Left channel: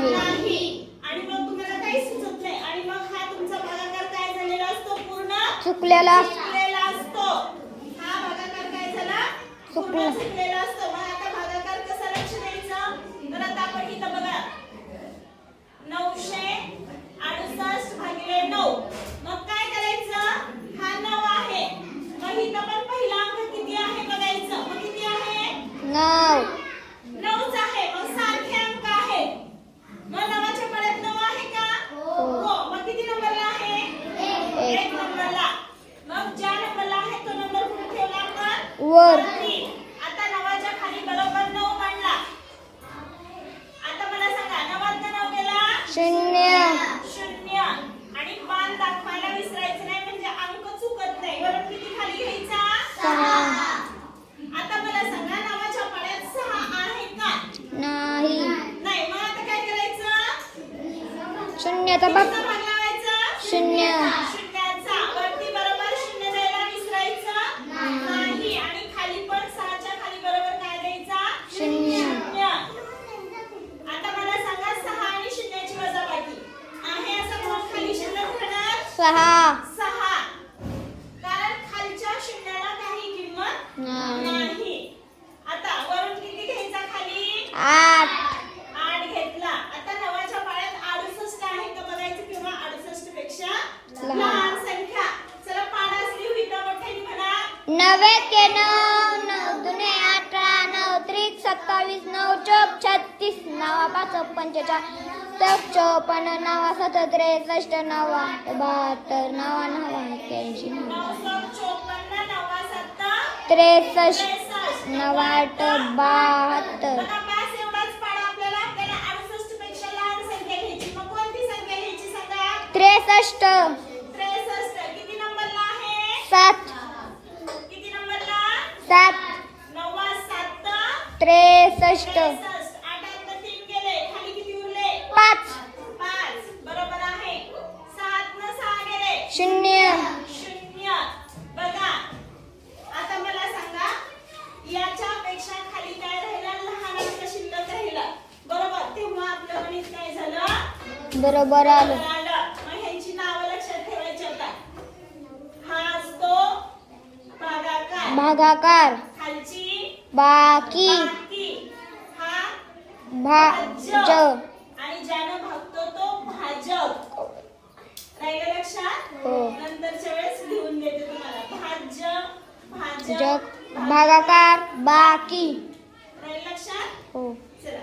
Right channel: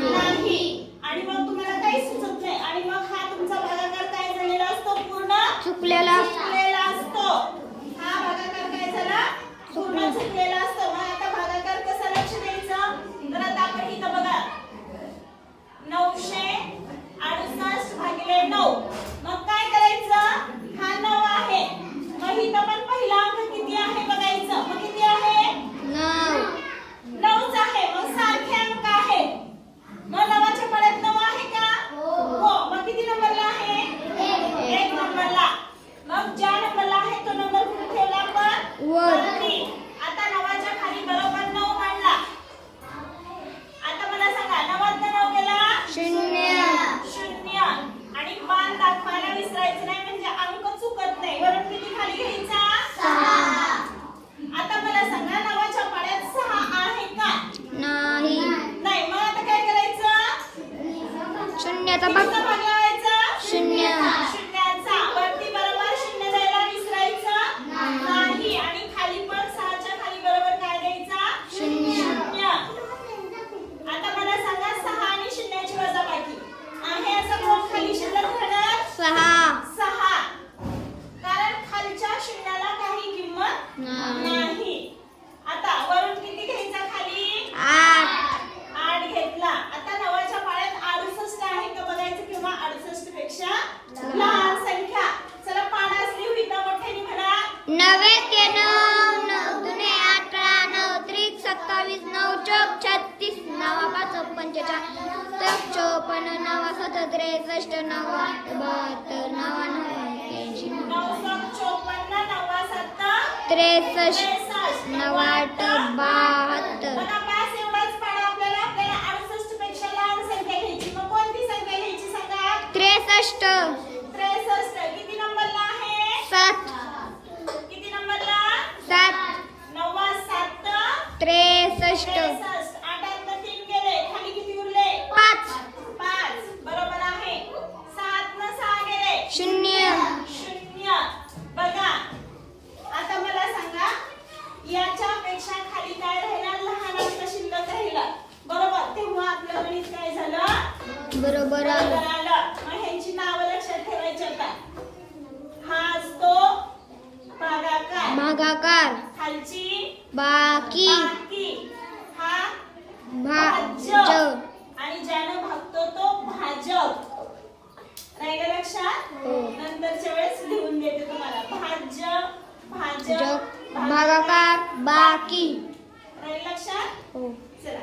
नाही. आणि मग तुम्हाला काही सुचत नाही आणि मग हा तुमचा भागाकार काय झालेला असतो? पूर्ण चुकलेला असतो. हा भागाकार काय झाला? पूर्ण चुकलेला असतो. मग आता भागाकार कसा लक्ष द्यायचा? तर आता आपण इथं बघा 968 भागिले 9. मग काय करायचं? हा 9 आहे. मग इथं पण पहिला अंक किती आहे बघायचं. मग किती आहे? 9. 9च आहे. मग सारखे अंक आहेत. मग 9च्या पड्यात 9 आहे का? हो. मग किती नंबरला आहे? 1 नंबरला. मग ज्या नंबरला आहे तो नंबर कुठे ठेवला आपण? वरती. आता 9च्या खाली बरोबर 9 मांडला. आता मला सांगा 9 9 गेला 0 आणि मान दाखवायला विसरायचं नाही म्हणजे अंक चुकत नाही. वरून किती खाली घ्यायचा? 6. आता मला सांगा 9च्या पाड्यात 6 आहे का? नाही. नाही. मग आता काय करायचं? शून्याचा भाग भाग लावायचा 0. शून्याचा. वरती बरोबर 0 जायला विसरायचं नाही आणि खाली पण 6च्या खाली बरोबर काय द्यायचा? 0. आता मला सांगा 6 आणि 0ची वजाबाकी आहे असं कोण खाली शिल्लक राहणार? 6. कारण खालच्या शून्याला काही किंमत नाही. आता वरून किती घ्यायचा खाली? 8 घेतला. आता 9च्या पाड्यात 68 आहे का बघायचं किंवा 68 पेक्षा लहान संख्या. चला पाण्यास लिहू इथं मोठ्याने म्हणा. 9 के 9 9 दुने 18 9 त्रिक 27 9 चौक 36 9 5 45 54 9 7 63 9 8 72 9 9 81 954 9 7 63 63 9 8 72 बघा पास एवढाच पाडा आपल्याला 68 पेक्षा लहान संख्या घ्यायची. मग कोणती संख्या घ्यायची सांगा? 63 63. किती नंबरला आहे? 7 किती नंबरला? 7 9 7 63 8 3 गेले. खाली किती उरले? 5 बरोबर आहे. 7 न 6 गेले 0 0. बघा आता मला सांगा याच्या पेक्षा खाली काय राहिला? लहान अंक शिल्लक राहिला. बरोबर. तेव्हा आपलं गणित काय झालं? बरोबर आलं. मग ह्यांची नावं लक्षात ठेवायची आता. हा असतो भागाकार खालची बाकी हा भाज आणि ज्यानं भागतो तो भाजक. राहिलं लक्षात? नंतरच्या वेळेस लिहून देते तुम्हाला. भाजक भागाकार बाकी. राहिलं लक्षात? हो. चला